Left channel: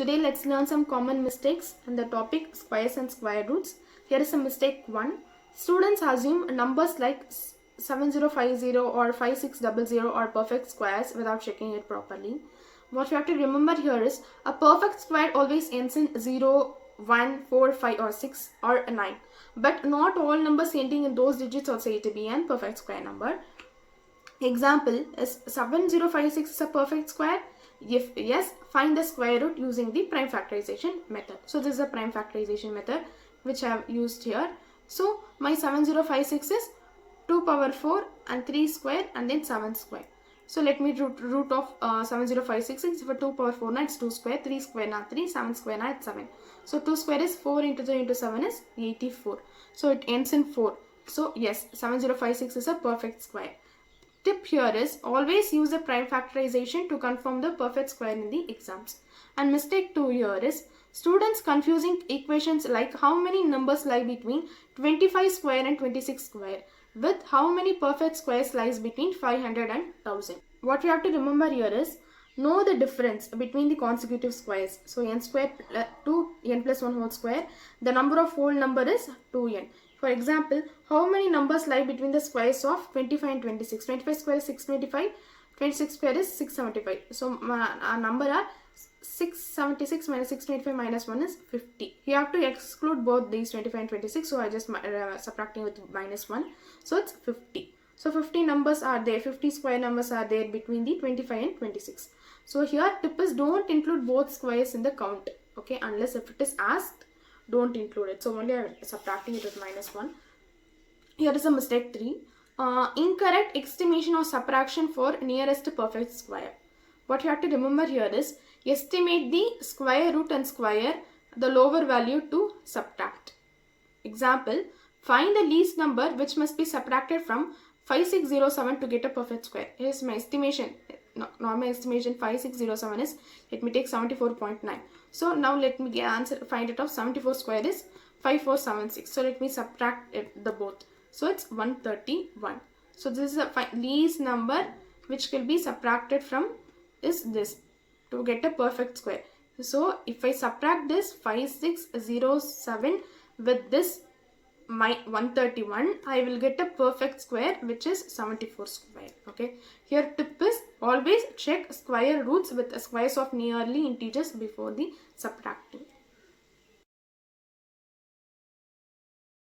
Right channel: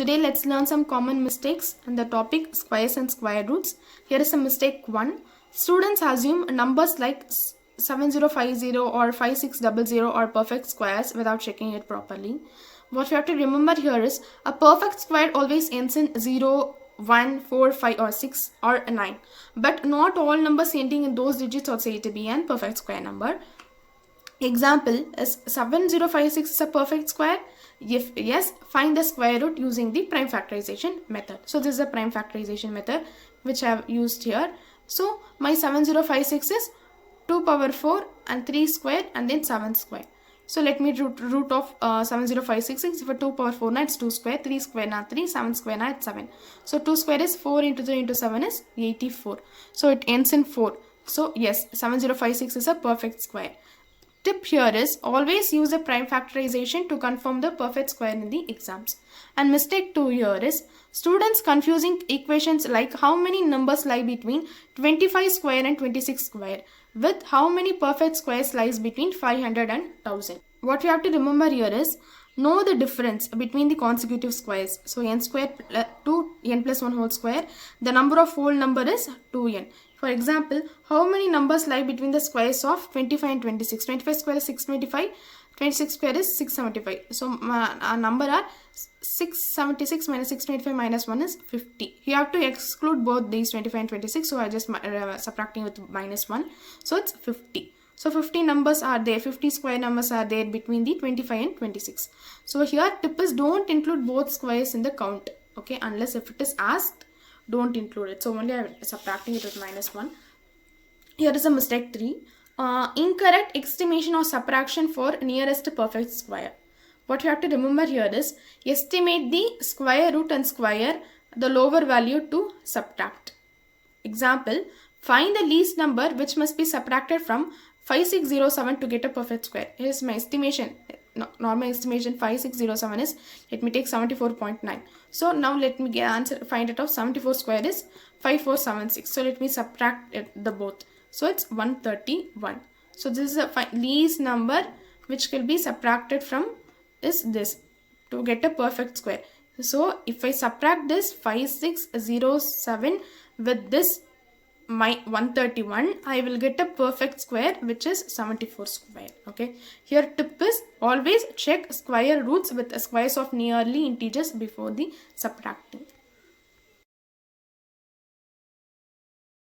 Today let's learn some common mistakes and the topic squares and square roots. Here is a mistake 1. Students assume numbers like 7050 or 5600 are perfect squares without checking it properly. What we have to remember here is a perfect square always ends in 0, 1, 4, 5 or 6 or 9. But not all numbers ending in those digits are said to be a perfect square number. Example is 7056 is a perfect square. If yes, find the square root using the prime factorization method. So this is a prime factorization method which I have used here. So my 7056 is 2 power 4 and 3 square and then 7 square. So let me root of 70566. For 2 power 4 now it's 2 square, 3 square now 3, 7 square now it's 7. So 2 square is 4 into 3 into 7 is 84. So it ends in 4. So yes, 7056 is a perfect square. Tip here is always use the prime factorization to confirm the perfect square in the exams. And mistake 2 here is students confusing equations like how many numbers lie between 25 square and 26 square with how many perfect squares lies between 500 and 1000. What we have to remember here is know the difference between the consecutive squares. So n square 2n plus 1 whole square, the number of whole number is 2n. For example, how many numbers lie between the squares of 25 and 26? 25 square is 625, 26 square is 675. So our number are 676 minus 625 minus 1 is 50. You have to exclude both these 25 and 26. So I just subtracting with minus 1. So it's 50. So 50 numbers are there, 50 square numbers are there between the 25 and 26. So here tip is don't include both squares in the count. Okay, unless if it is asked, don't include it. So only I am subtracting it with minus 1. Here is a mistake 3. Incorrect estimation or subtraction for nearest perfect square. What you have to remember here is estimate the square root and square the lower value to subtract. Example, find the least number which must be subtracted from 5607 to get a perfect square. Here is my estimation. Normal estimation 5607 is, let me take 74.9. So now let me find it of 74 square is 5476. So let me subtract the both. So it's 131. So this is a least number which will be subtracted from is this to get a perfect square. So if I subtract this 5607 with this my 131, I will get a perfect square which is 74 square. Okay, here tip is always check square roots with squares of nearly integers before the subtracting.